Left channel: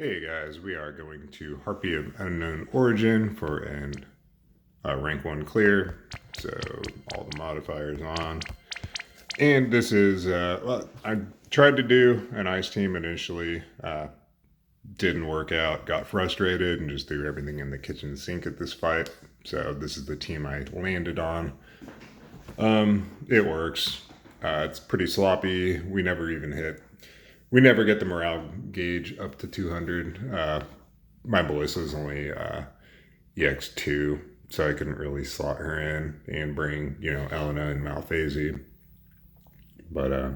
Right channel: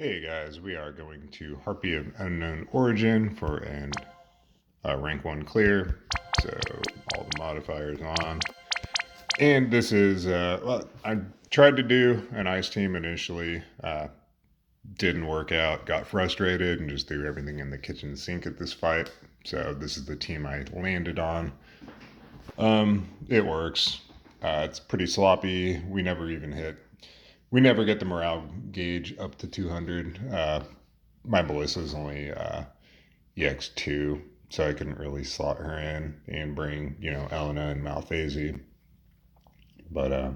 Hey guys, we are going to Harpy of Unknown Origin for an rank 1 clear. So all the modifiers on. And this is, well, I tried to do an ice team initially. Didn't work out, got frustrated, and just threw everything in the kitchen sink at this fight. So this is the team I landed on. It works. It's pretty sloppy. We never get the morale gauge up to 200. My Melissa is only EX2, so I couldn't really slot her in and bring, Elena and Malphase. But,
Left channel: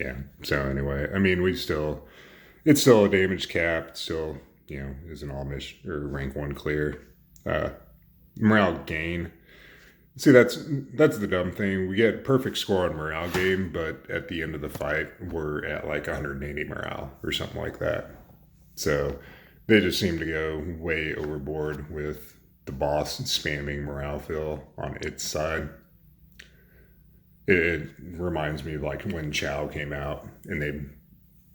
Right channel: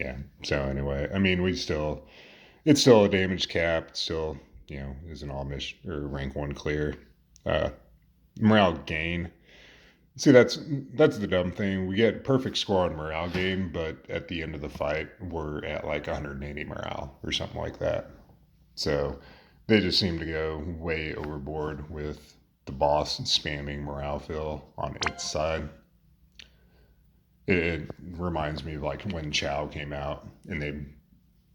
yeah. So anyway, I mean, it's still a damage cap. It still, is an all mission or rank 1 clear. Morale gain. See, that's the dumb thing. We get perfect score on morale gain, but at the end of the fight, we're at like 180 morale or something like that. So they just seem to go way overboard with the boss spamming morale fill on its side. It reminds me of like when Chow came out and they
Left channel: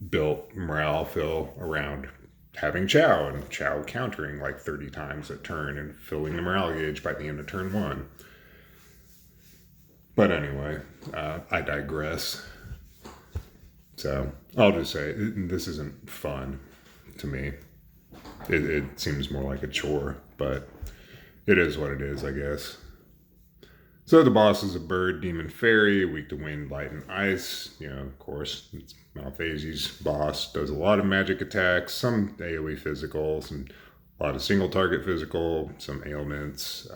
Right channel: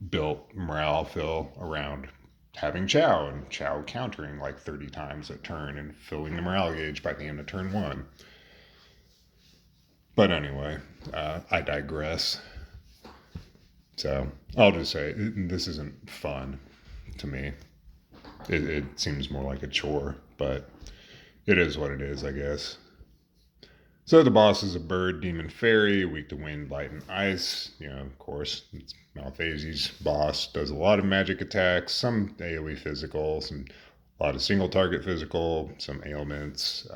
built morale fill around having Chow and Chow countering like 30 times a turn and filling the morale gauge by the end of turn 1. But anyway, I digress. So I'll just say this isn't fun to me. It seems more like a chore, but it is what it is, I guess. So the boss is a bird, demon, fairy, weak to wind, light, and ice. Of course, it's Malphase's boss. Does a lot of magic attacks, some AoE physical, a lot of single target physical, some ailments.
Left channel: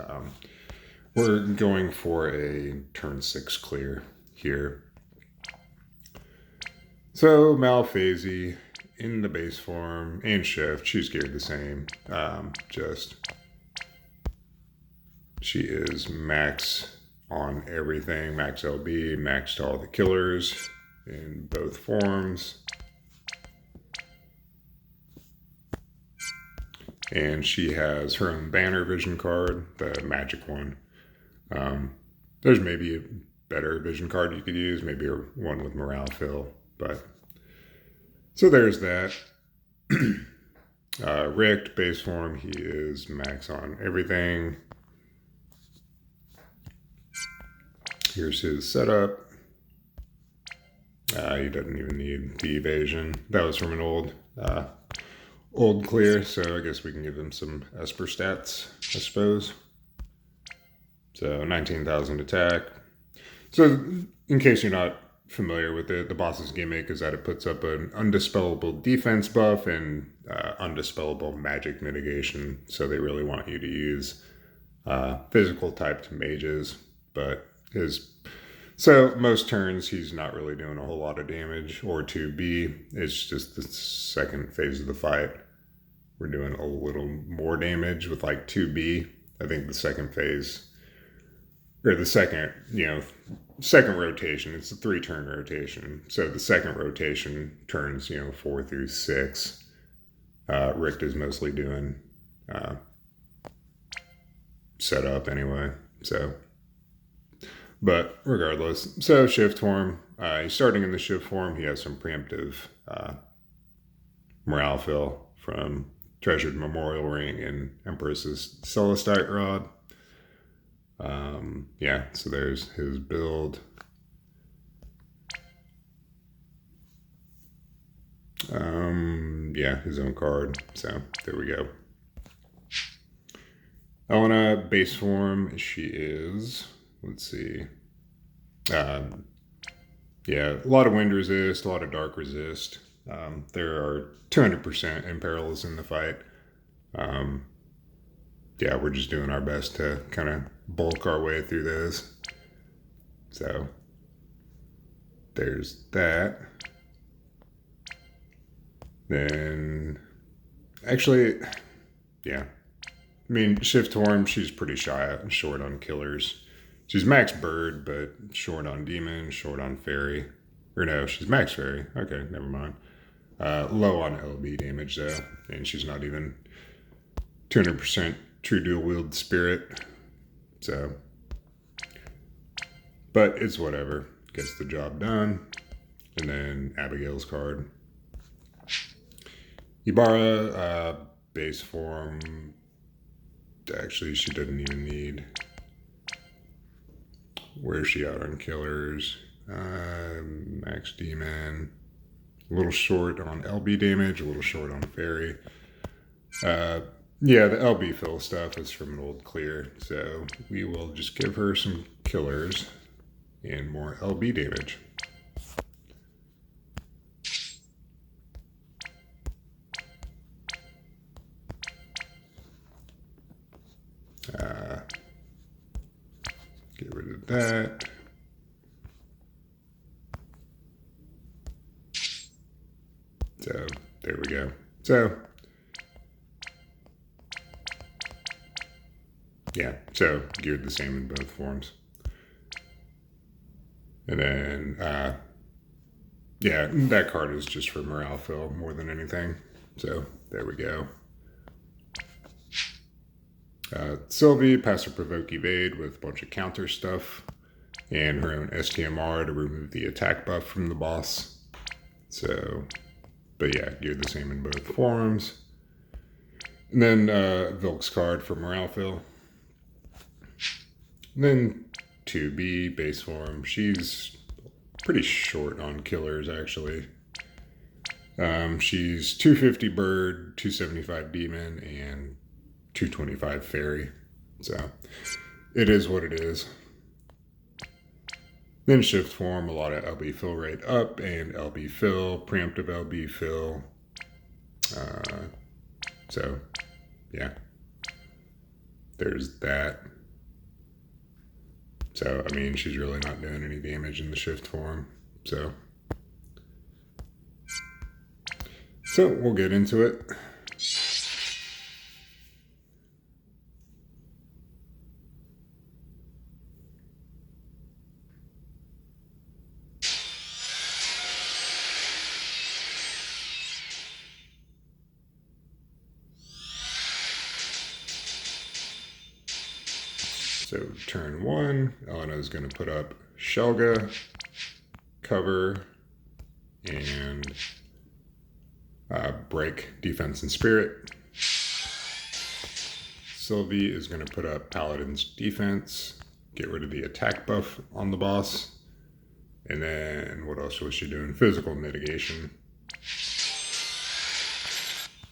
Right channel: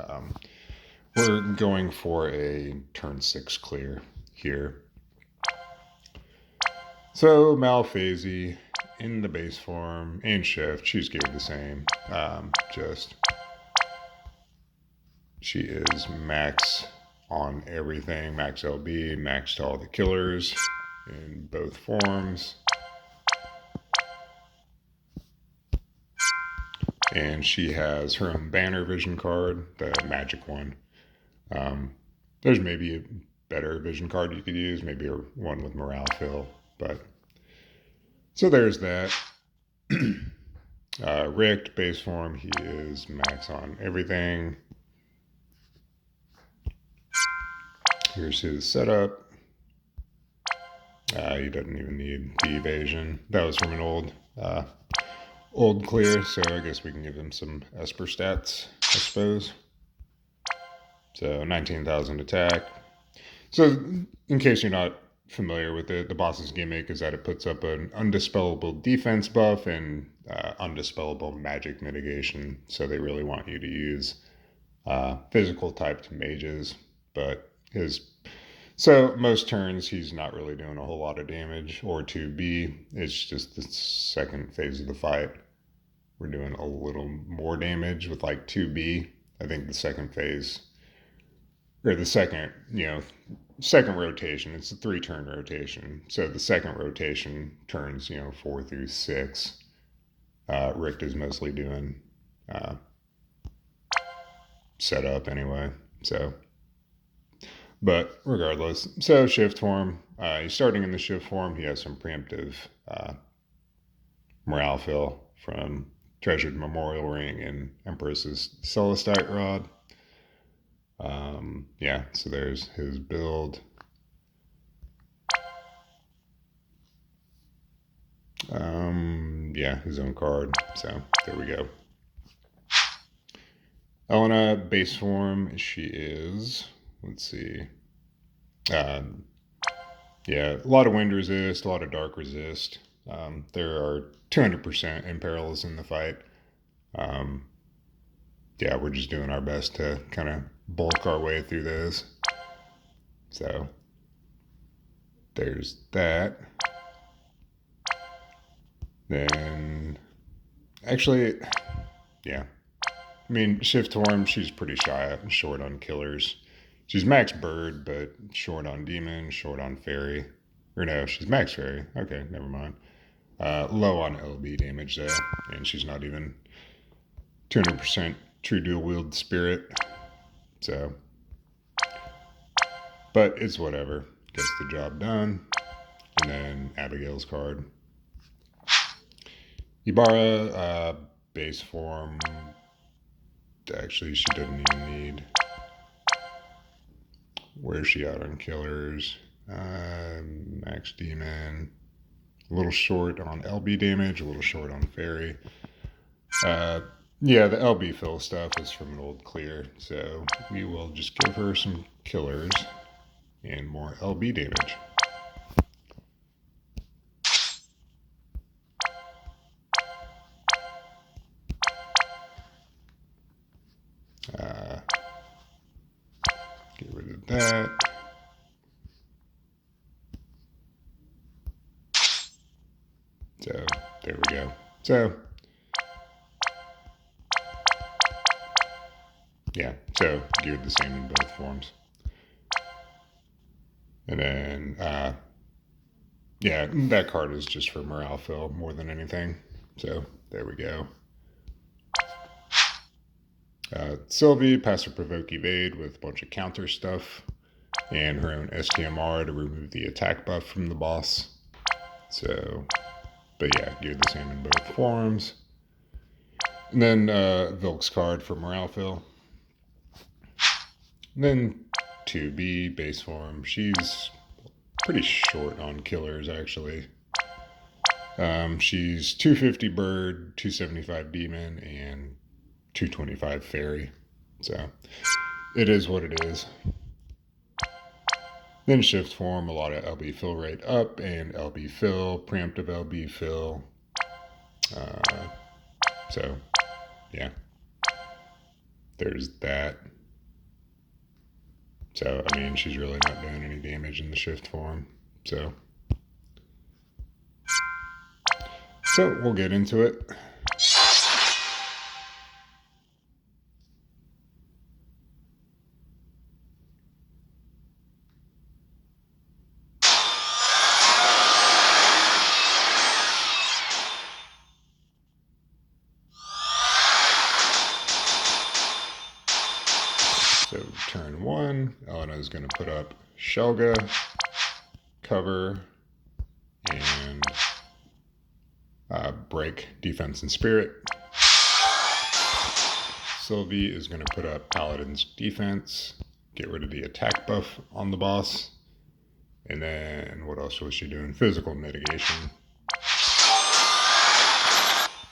We're going for a turn 6 clear here. So Malphase in the base form and shift, she's geared the same. She is max on everything, max LB, max to all the killers in both forms. And she has her own banner vision card, the magic one. There's maybe a better vision card you could use, maybe one with morale fill, but so there's that. Rick, base form, he is max on everything. Here's his setup. He doesn't even need the evasion. That was from an old clear, so I guess we can give him some Esper stats, I suppose. So 19,000 attack. So in case you're not familiar with it, the boss's gimmick is that it puts up an undispellable defense buff and undispellable magic mitigation. So they really want you to use physical typed mages, but so most turns he's not really doing a whole lot of damage, or 2B. It's just the second phase of the fight. We're doing a little more damage with like 2B. I think the second phase, or the second rotation, it's a 3-turn rotation. So the second rotation turns, 4 through 6. Rick is mostly doing setup anyway. So, but regardless, so shift form, he's starting in the shift form. He has some preemptive morale fill from Treasured Memorial Ring and Empress's Celestite Rod. Yeah, so there's his build. Yeah, his own card. So there we go. Elena, base form, she is, let's see. Yeah, a lot of wind resist, a lot of dark resist. There are 200% imperils in the fight. Yeah, we're just doing our best to kind of bulk our way through this. So there's that. Then, actually, yeah. I mean, shift form, she's pretty short on killers. She's max bird, but short on demon, short on fairy. Or no, she's max fairy. Okay, never mind. Low on LB damage though, and she's not even 200% true dual wield spirit. So, but it's whatever. Gets the job done. And then Abigail's card. Ibarra, base form. Actually, she doesn't even need. Where's she at on killers? Max Demon. A little short on LB damage, a little short on Fairy. Yeah, the LB fill stuff is from an old clear, so we will just give her some killers and more LB damage. Get rid of that. So there we go. So yeah, so geared the same in both forms. And then yeah, that card is just for morale fill more than anything. So there we go. Sylvie, passive provoke evade with a bunch of counter stuff, and her own STMR to remove the attack buff from the boss. So, but yeah, geared the same in both forms. And then Vilk's card for morale fill. And then 2B base form. She's pretty short on killers actually. She's 250 bird, 275 demon, and 225 fairy. So it is what it is. Then shift form, a lot of LB fill rate up and LB fill, preemptive LB fill. So yeah, there's that. So I mean, she's really not doing any damage in the shift form. So we'll get into it. So turn one, Elena is going to put up Shelga, cover, and break defense and spirit. Sylvie is going to put up Paladin's defense, get rid of the attack buff on the boss, and then what else was she doing? Physical mitigation.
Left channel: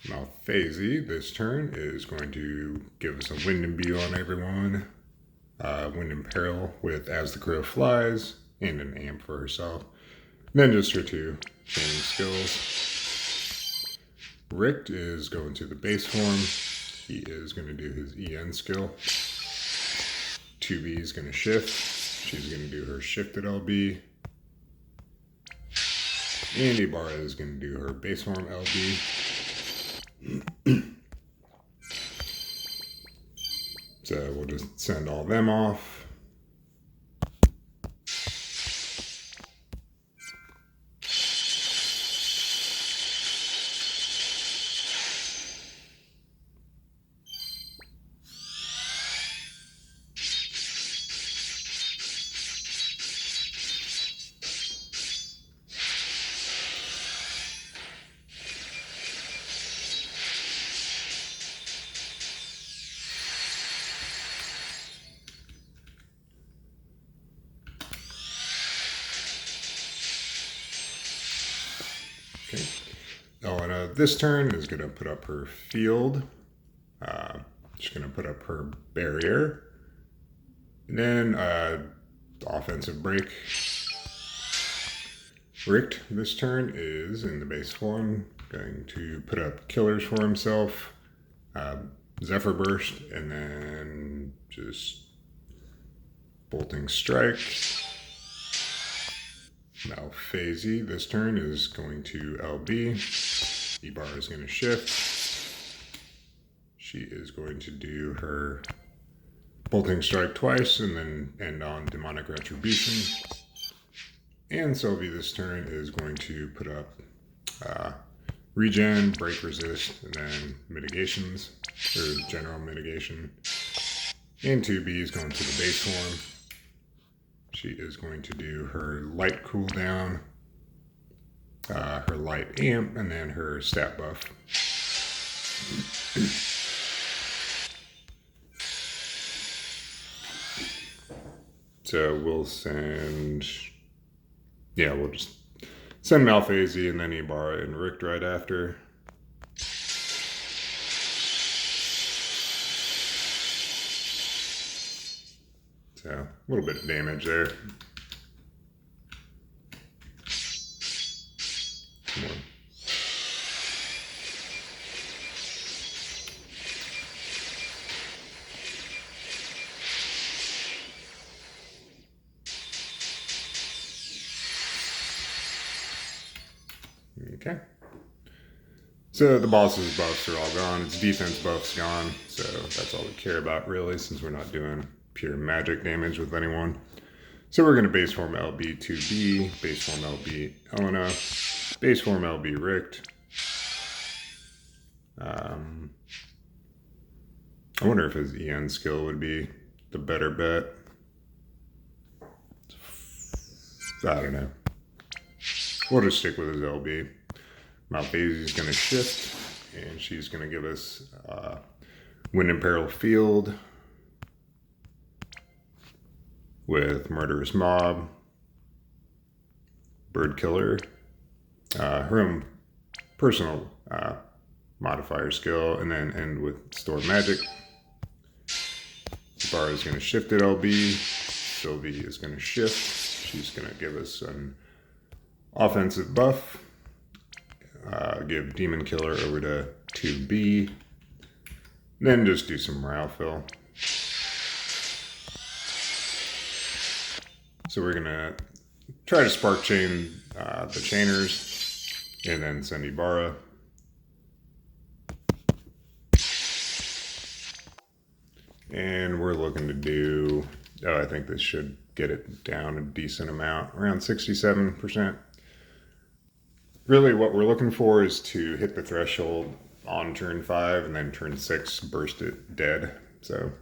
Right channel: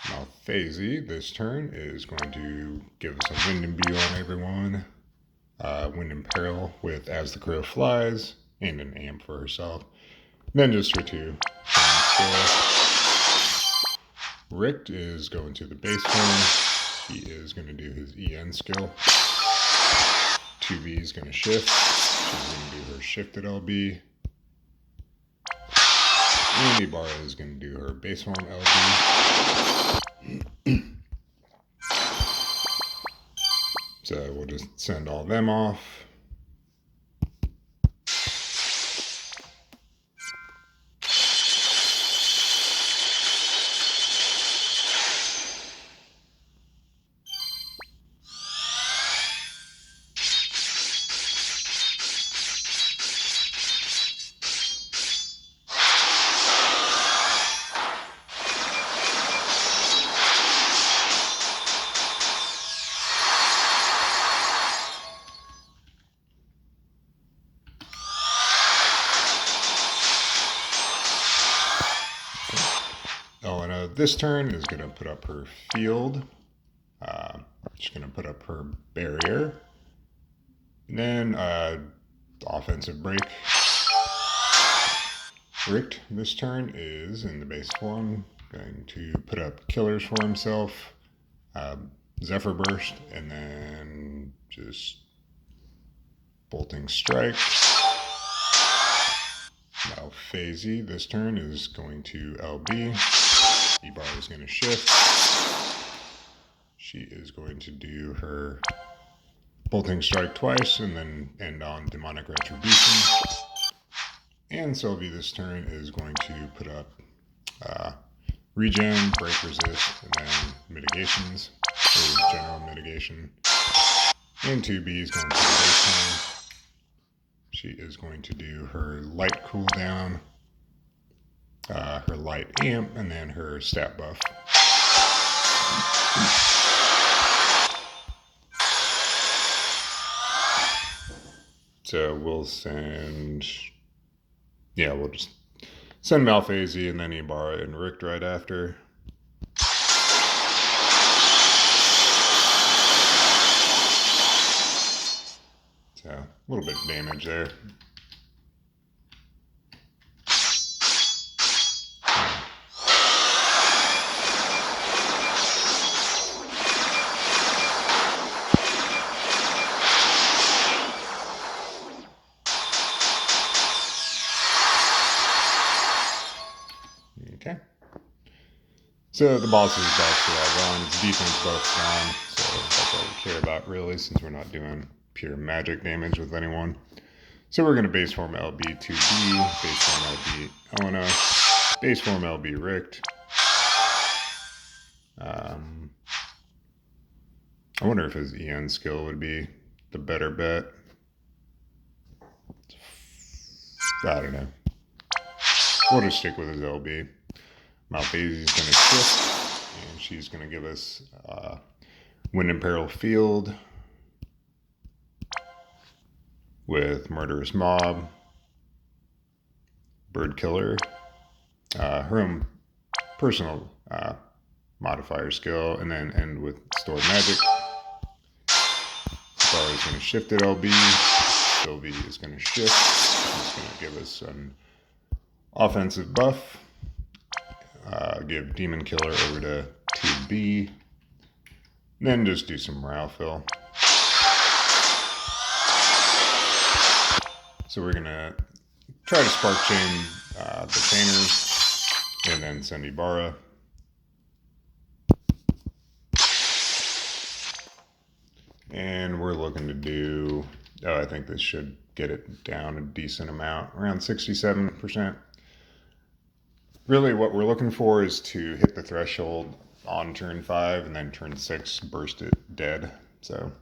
Now Phasey this turn is going to give us a wind and view on everyone. Wind and Peril with As the Crow Flies, and an amp for herself. And then just her two skills. Richt is going to the base form. He is going to do his EN skill. 2B is going to shift. She's going to do her shifted LB. And Ibarra is going to do her base form LB. So we'll just send all them off. Elena this turn is going to put up her field. She's going to put up her barrier. And then offensive break. Richt this turn is in the base form, going to put up killers for himself. Zephyr Burst, and then just Bolting Strike. Now Phasey this turn is going to LB. Ibarra is going to shift. She is going to do her Bolting Strike twice and then end on Demonic Retribution. And Sylvie this turn is going to put up Regen, Break Resist, and then Mitigations, or General Mitigation. And 2B is going to the baseline. She is going to do her light cooldown, her light amp, and then her stat buff. So we'll send, yeah, we'll just send Malphasy and then Ibarra and Richt right after. So a little bit of damage there. Okay. So the boss's buffs are all gone. His defense buff's gone. So that's all we care about really, since we're not doing pure magic damage with anyone. So we're going to base form LB 2B, base form LB Elena, base form LB Richt. I wonder if his EN skill would be the better bet. I don't know. We'll just stick with his LB. Malphasy's going to shift, and she's going to give us Wind and Peril Field with Murderous Mob, Bird Killer, her own personal modifier skill, and then end with Stored Magic. Bar is going to shift at LB. Sylvie is going to shift. She's going to give us an offensive buff. Give Demon Killer over to 2B. Then just do some morale fill. So we're going to try to Spark Chain the Tainers and then send Ibarra. And we're looking to do, I think this should get it down a decent amount, around 67%. Really what we're looking for is to hit the threshold on turn 5 and then turn 6 burst it dead. So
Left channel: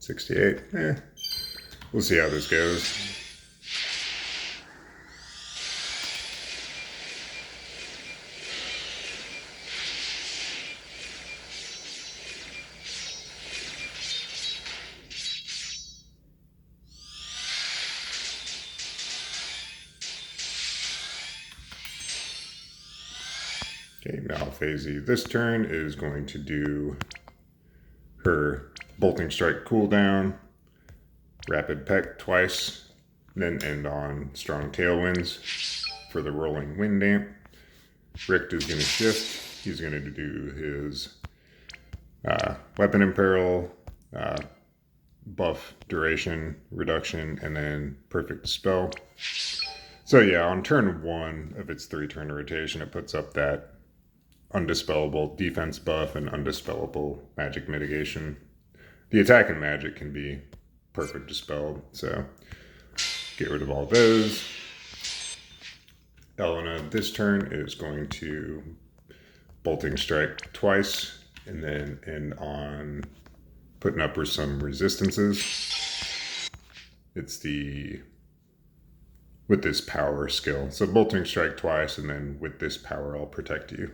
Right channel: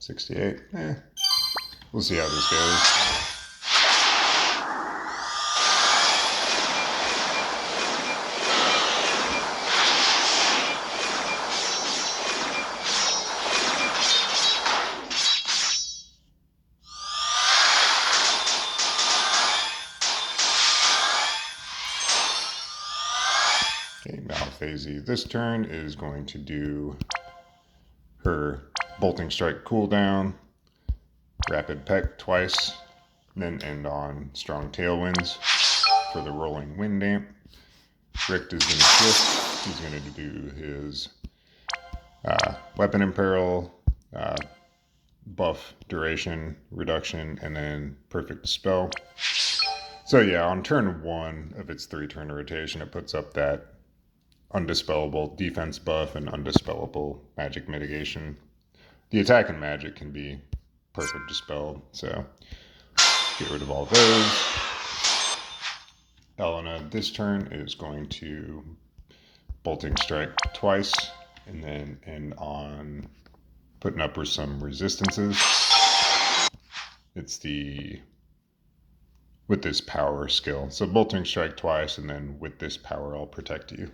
$68. We'll see how this goes. Okay, Malphasy this turn is going to do her Bolting Strike cooldown, Rapid Peck twice, then end on Strong Tailwinds for the Rolling Wind Damp. Richt is going to shift. He's going to do his Weapon Imperil, buff duration reduction, and then Perfect Dispel. So yeah, on turn 1 of its 3-turn rotation, it puts up that undispellable defense buff and undispellable magic mitigation. The attack and magic can be perfect dispelled, so get rid of all those. Elena this turn is going to Bolting Strike twice and then end on putting up with some resistances. It's with this power skill. So Bolting Strike twice and then with this power I'll protect you.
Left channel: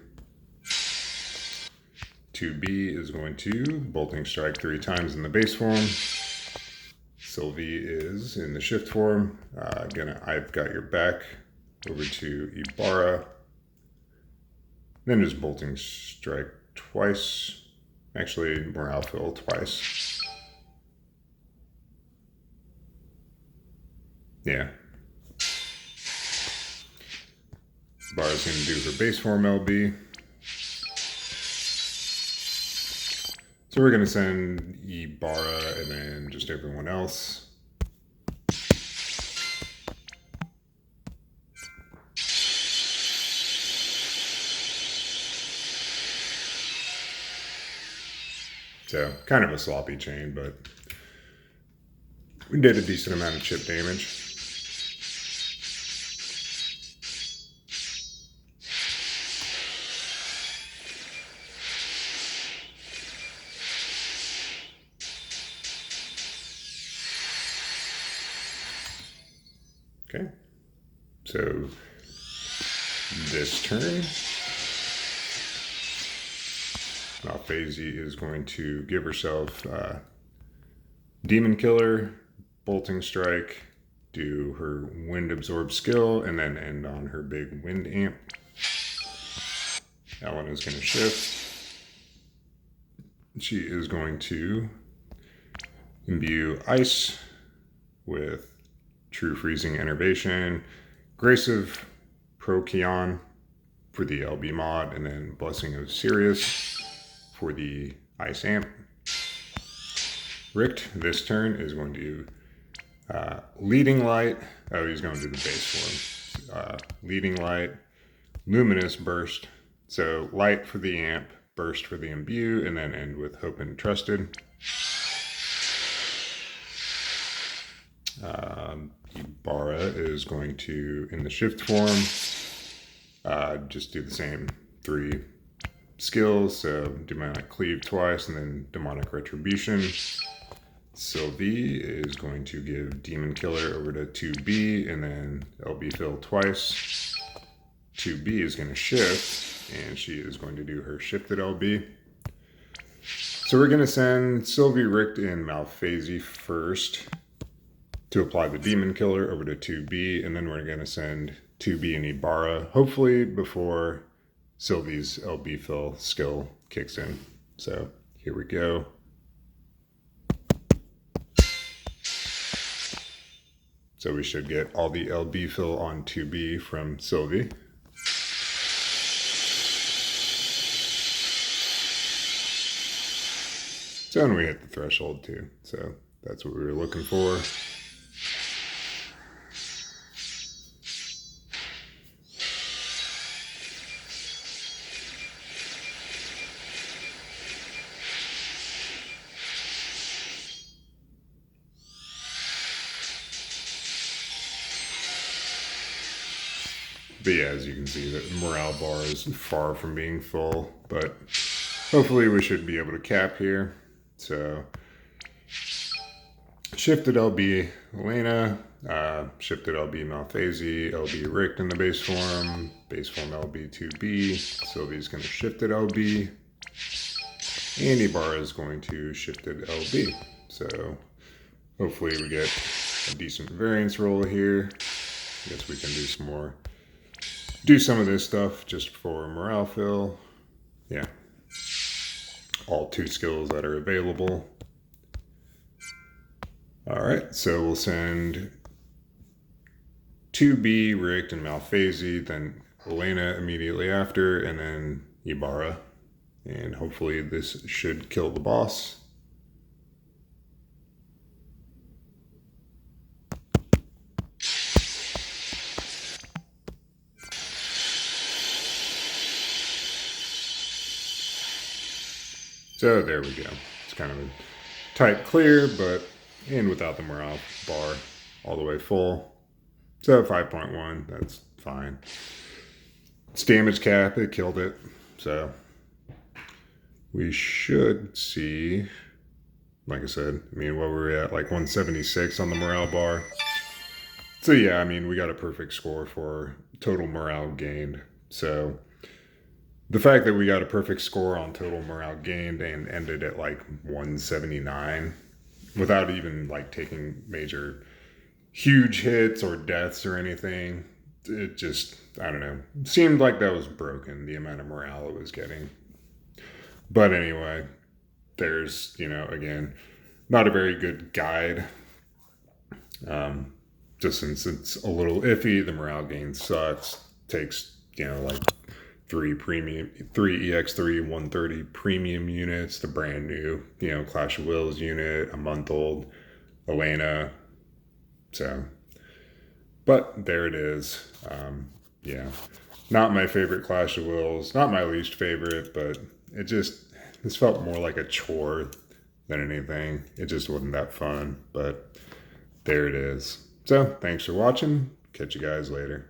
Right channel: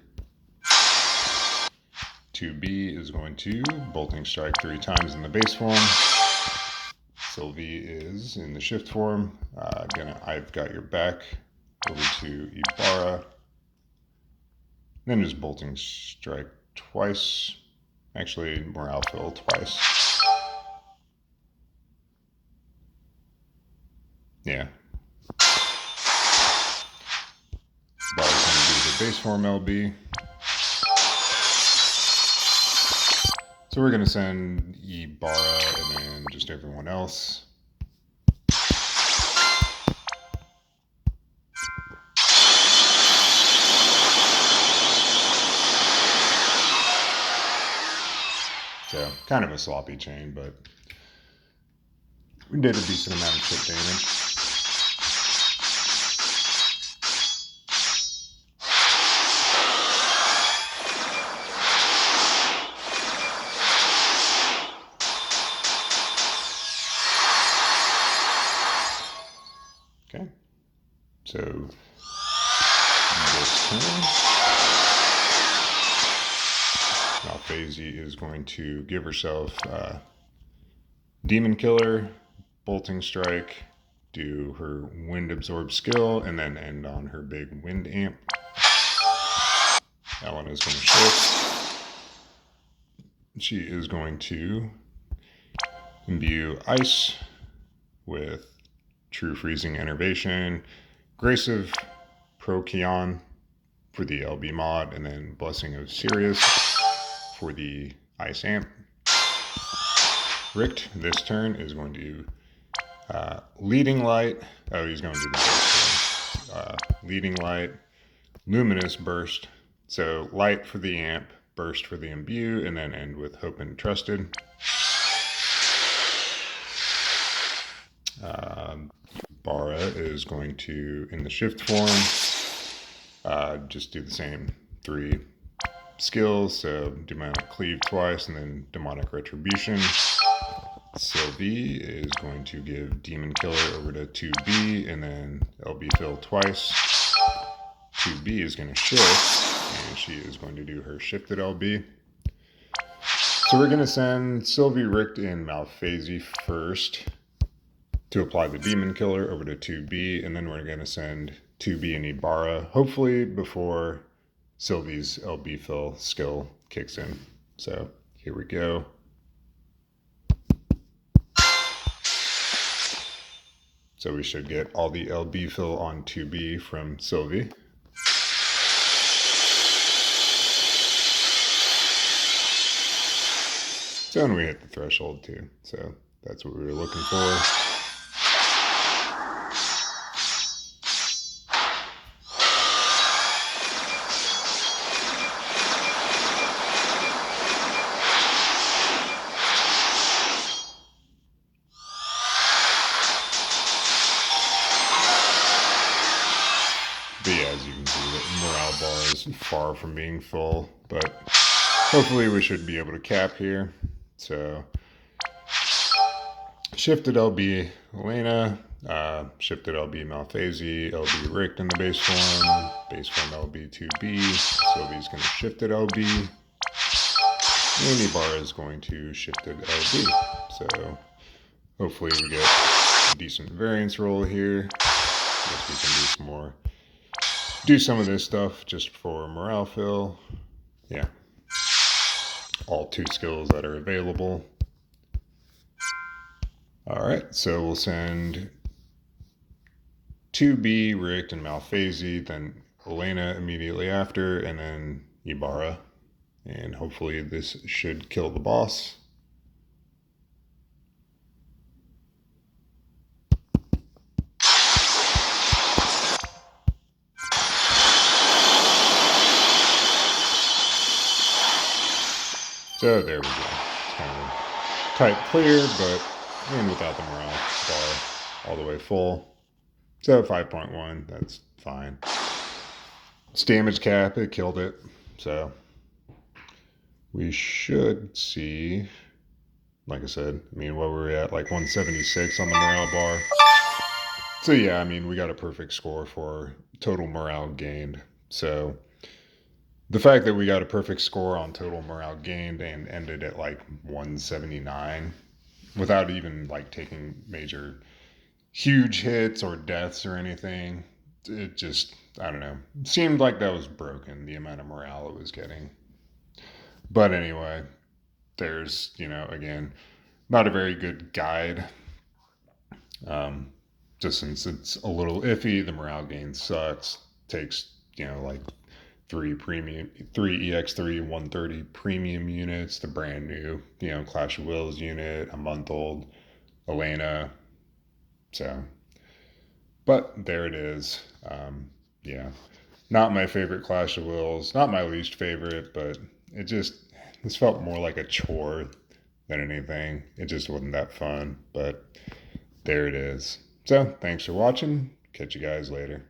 2B is going to Bolting Strike 3 times in the base form. Sylvie is in the shift form. I've got your back over to Ibarra. Then just Bolting Strike twice. Actually, Morale Fill twice. Yeah. Ibarra's going to do the base form LB. So we're going to send Ibarra and then just everyone else. So kind of a sloppy chain, but we did a decent amount of chip damage. Okay. So this turn, Malphasey is going to give herself Demon Killer, Bolting Strike, do her Wind Absorb skill, and then end on her big Wind Amp. That one is going to shift. She is going to imbue Ice with True Freezing Enervation, Grace of Procyon for the LB mod, and then Blessing of Sirius for the Ice Amp. Richt this turn is going to Leading Light. Oh, he's going to do the burst. Leading Light, Luminous Burst. So Light for the Amp, Burst for the Imbue, and then end with Hope and Trusted. Bara is going to, in the shift form, just do the same 3 skills. So Demonic Cleave twice, and then Demonic Retribution. Sylvie is going to give Demon Killer over to 2B, and then LB Fill twice. 2B is going to shift, and she is going to do her shifted LB. So we're going to send Sylvie, Richt, and Malphasey first to apply the Demon Killer over to 2B, and then we're going to send 2B and Ibarra, hopefully before Sylvie's LB Fill skill kicks in. So here we go. So we should get all the LB Fill on 2B from Sylvie. So and we hit the threshold too. So that's what we were looking for. But yeah, as you can see, the morale bar is far from being full, but hopefully we should be able to cap here. So, shifted LB Elena, shifted LB Malphasey, LB Richt in the base form LB 2B, Sylvie's going to shifted LB, and Ibarra is going to shifted LB. So, hopefully we get a decent variance roll here. I guess we can do some of this stuff just for morale fill. Yeah. All 2 skills that are available. Alright, so we'll send 2B, Richt, and Malphasey, then Elena immediately after, and then Ibarra. And hopefully this should kill the boss. So there we go. It's kind of a tight clear, but and without the morale bar all the way full. So 5.1, that's fine. It's damage cap, it killed it. So we should see, like I said, I mean, what were we at? Like 176 on the morale bar. So yeah, I mean, we got a perfect score for total morale gained. So the fact that we got a perfect score on total morale gained and ended at like 179 without even like taking major huge hits or deaths or anything, it just, I don't know, seemed like that was broken, the amount of morale it was getting. But anyway, there's, you know, again, not a very good guide. Just since it's a little iffy, the morale gain sucks, takes, you know, like 3 EX3 130 premium units, the brand new, you know, Clash of Wills unit, a month old Elena. So, but there it is. Yeah, not my favorite Clash of Wills, not my least favorite, but this felt more like a chore than anything. It just wasn't that fun, but there it is. So thanks for watching. Catch you guys later.